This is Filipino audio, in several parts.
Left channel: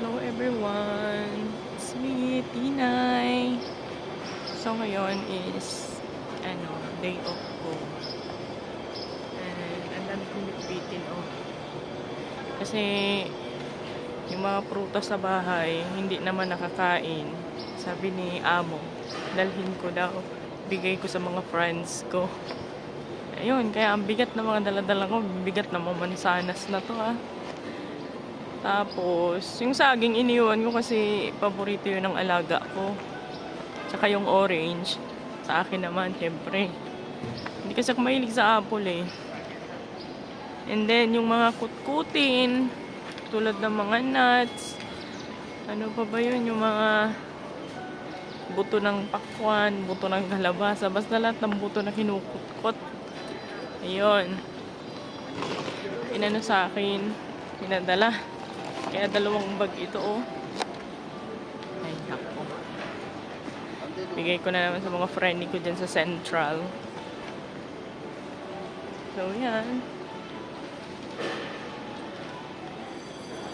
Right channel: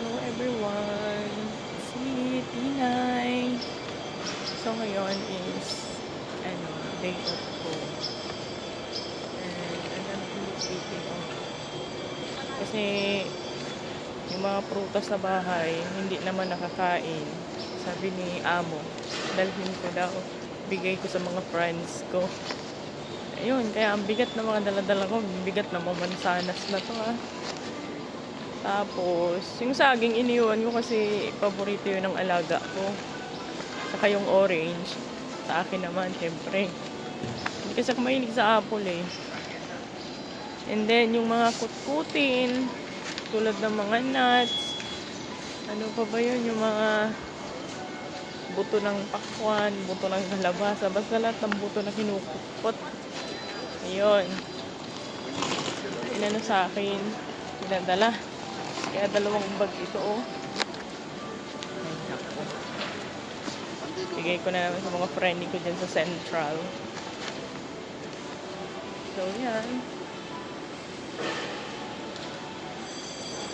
Hello everyone! It's me, Tinay! So ngayon is day off ko. And ang dami kong bitbitin off. Kasi yung mga prutas sa bahay, hindi naman nakakain. Sabi ni Amo, dalhin ko daw. Bigay ko sa mga friends ko. Ayun, kaya ang bigat ng mga daladala ko. Bigat ng mga mansanas na to Tapos, yung saging iniwan ko kasi paborito yun ng alaga ko. Saka yung orange. Sa akin naman, syempre. Hindi kasi ako mahilig sa apple And then, yung mga kutkutin, tulad ng mga nuts. Ano pa ba yun? Yung mga buto ng pakwan, buto ng kalabasa. Basta lahat ng buto na kinukutkot. Ayun. Inano sa akin. Pinadala. Kaya dalawang bag ito Ay, nako. Bigay ko na naman sa mga friend ko dyan sa Central. So, yan.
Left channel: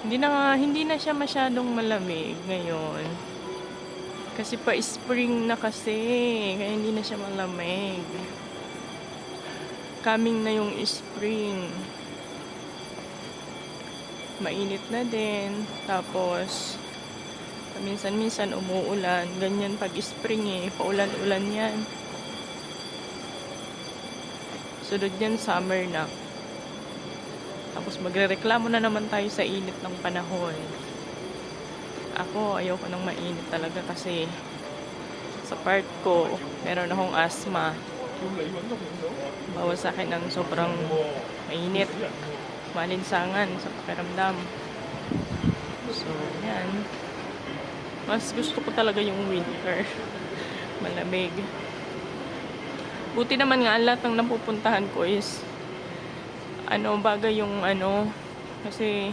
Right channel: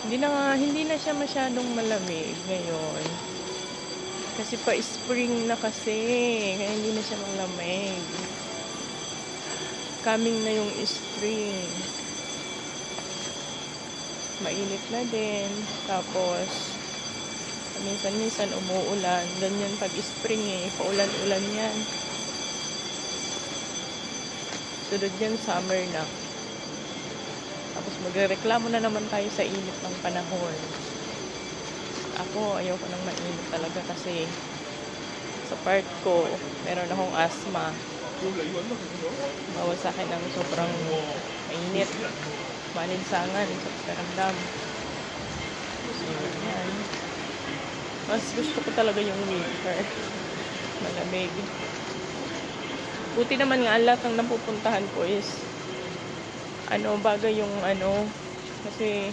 Hindi na siya masyadong malamig ngayon. Kasi pa-spring na kasi. Kaya hindi na siya malamig. Coming na yung spring. Mainit na din. Tapos, minsan-minsan umuulan. Ganyan pag spring paulan-ulan yan. Sunod yan, summer na. Tapos magrereklamo na naman tayo sa init ng panahon. Ako, ayoko nang mainit talaga kasi sa part ko, meron akong asthma. Bawal sa akin ng sobrang mainit. Malinsangan sa pakiramdam. So, yan. Mas gusto ko talaga yung winter. Malamig. Buti naman nga, lahat ng napupuntahan ko is bagay yung kasi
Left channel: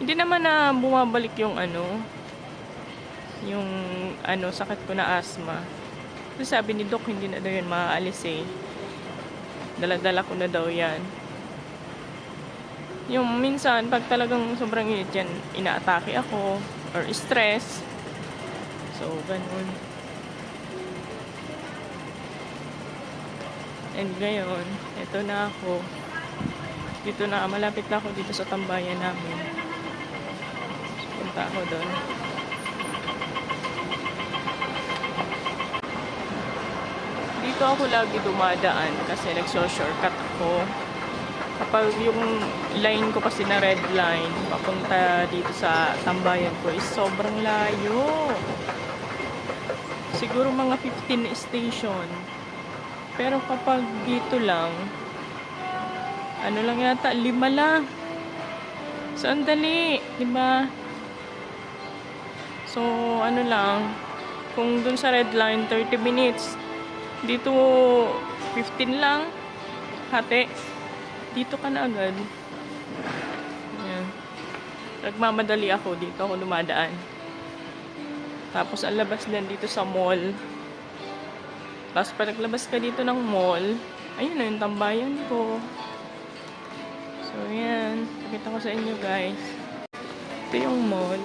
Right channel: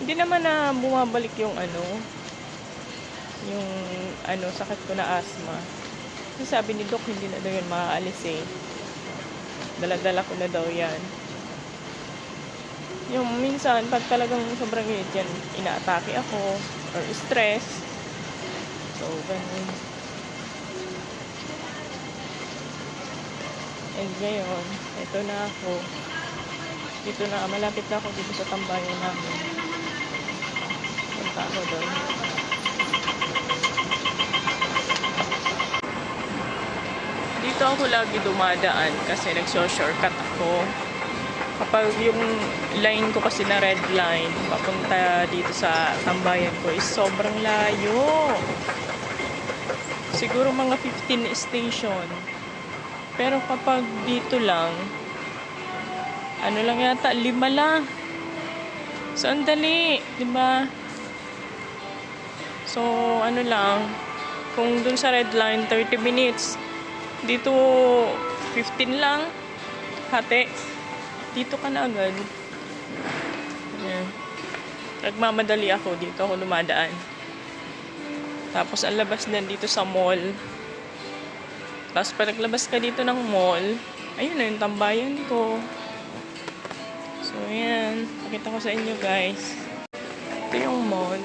hindi naman na bumabalik yung sakit ko na asthma. Kasi sabi ni Doc, hindi na daw yan maaalis Dala-dala ko na daw yan. Yung minsan, pag talagang sobrang init yan, inaatake ako, or stress. So, ganun. And ngayon, ito na ako. Dito na, malapit na ako dito sa tambayan namin. Punta ako doon. Dito ako lagi dumadaan kasi nagso-shortcut ako. Kapag yung line ko kasi na red line, papunta dito sa tambayan ko is sobrang layo. Siguro mga 15 station. Pero kapag dito lang, lang yata, 5 lang. So, ang dali, diba? So, lang, kung dun sa red line, 30 minutes. Dito, 15 lang. Hati. Dito ka na agad. Ayan. Nagmamadali ako. Dito ako dumadaan. Tapos, ang labas din dito sa mall. Tapos, pag naglabas ka dito ng mall, ayun na yung tambayan ko. So, ayan. Pakita ko sa inyo, guys. Ito yung mall.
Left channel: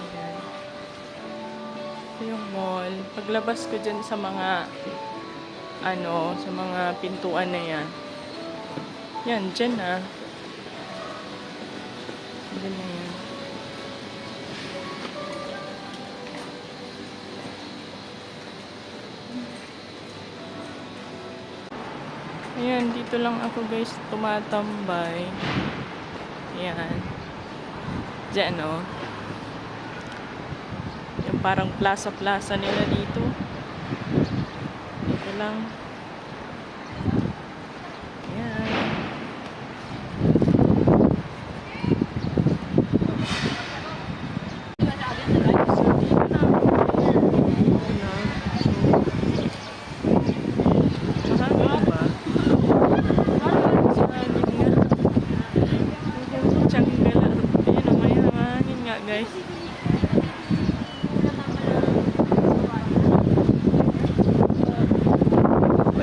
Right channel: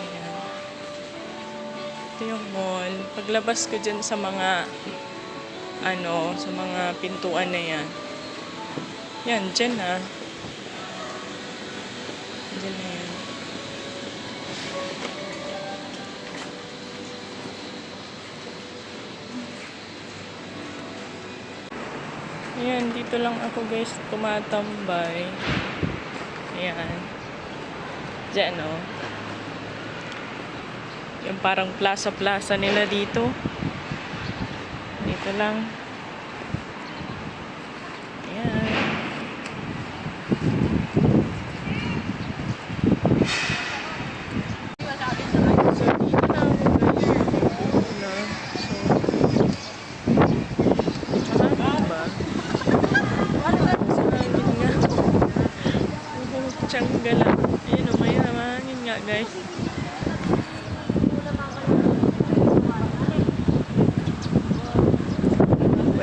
Ayan. Ito yung mall. Paglabas ko dyan sa mga sa mga pintuan na yan. Yan, dyan na. Dyan na yan. Ayan, dito lang ako guys tumatambay. Ayan. Diyan yung parang plaza-plaza nila dito. Dito lang. Ayan. So, dito na ako. Dito na. So, mahangin ba? Mahangin nga. Tiyangga lang. Ayan o, mahangin nga guys.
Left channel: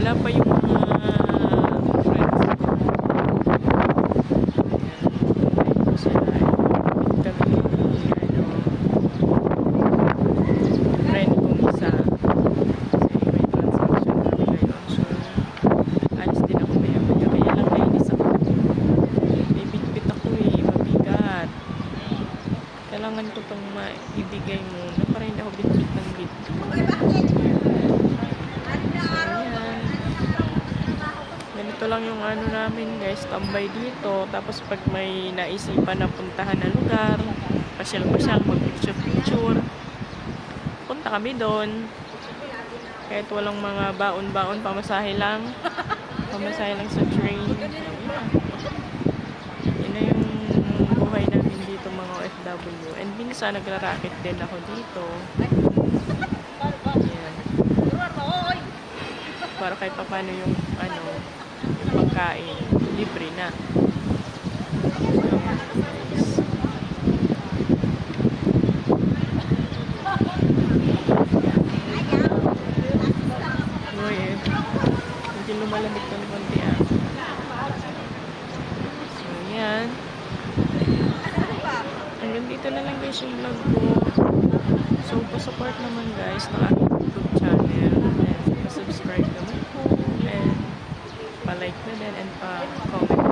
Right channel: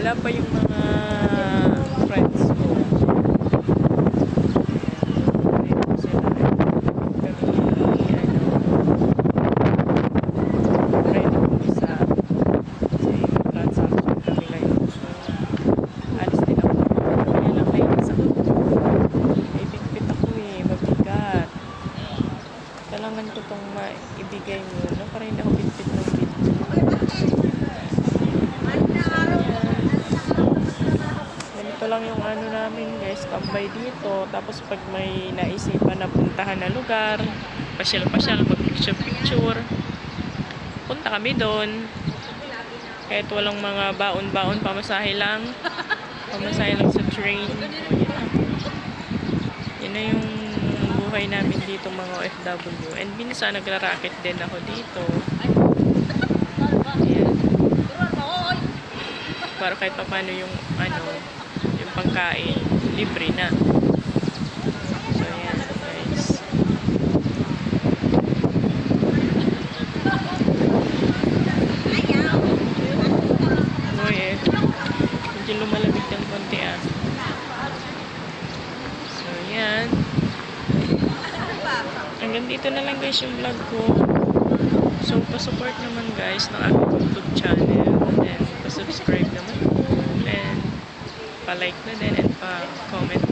Wala pa yung mga friends ko. lang yung ano namin guys, tambay dito. Tapos pag may naisipan na puntahan na lugar, pasyal-pasyal, mag-picture-picture, punta kami doon. Kahit walang mga baon-baon, pamasahe lang. Pamasahe lang sa train. Yun na yung buhay namin dito mga OFW. And minsan nagra-racket din ako dito. Ayan. Para kahit pa paano yung ano, yung pagkain, libre na. So ayan guys. Uy eh. Medyo lumalamig ng konti ah. So ayan. Hanggang dito na lang guys yung vlog ko. So, pa-support naman guys ng aking YouTube channel. And pa-subscribe naman po. And pa-like na din and pa-comment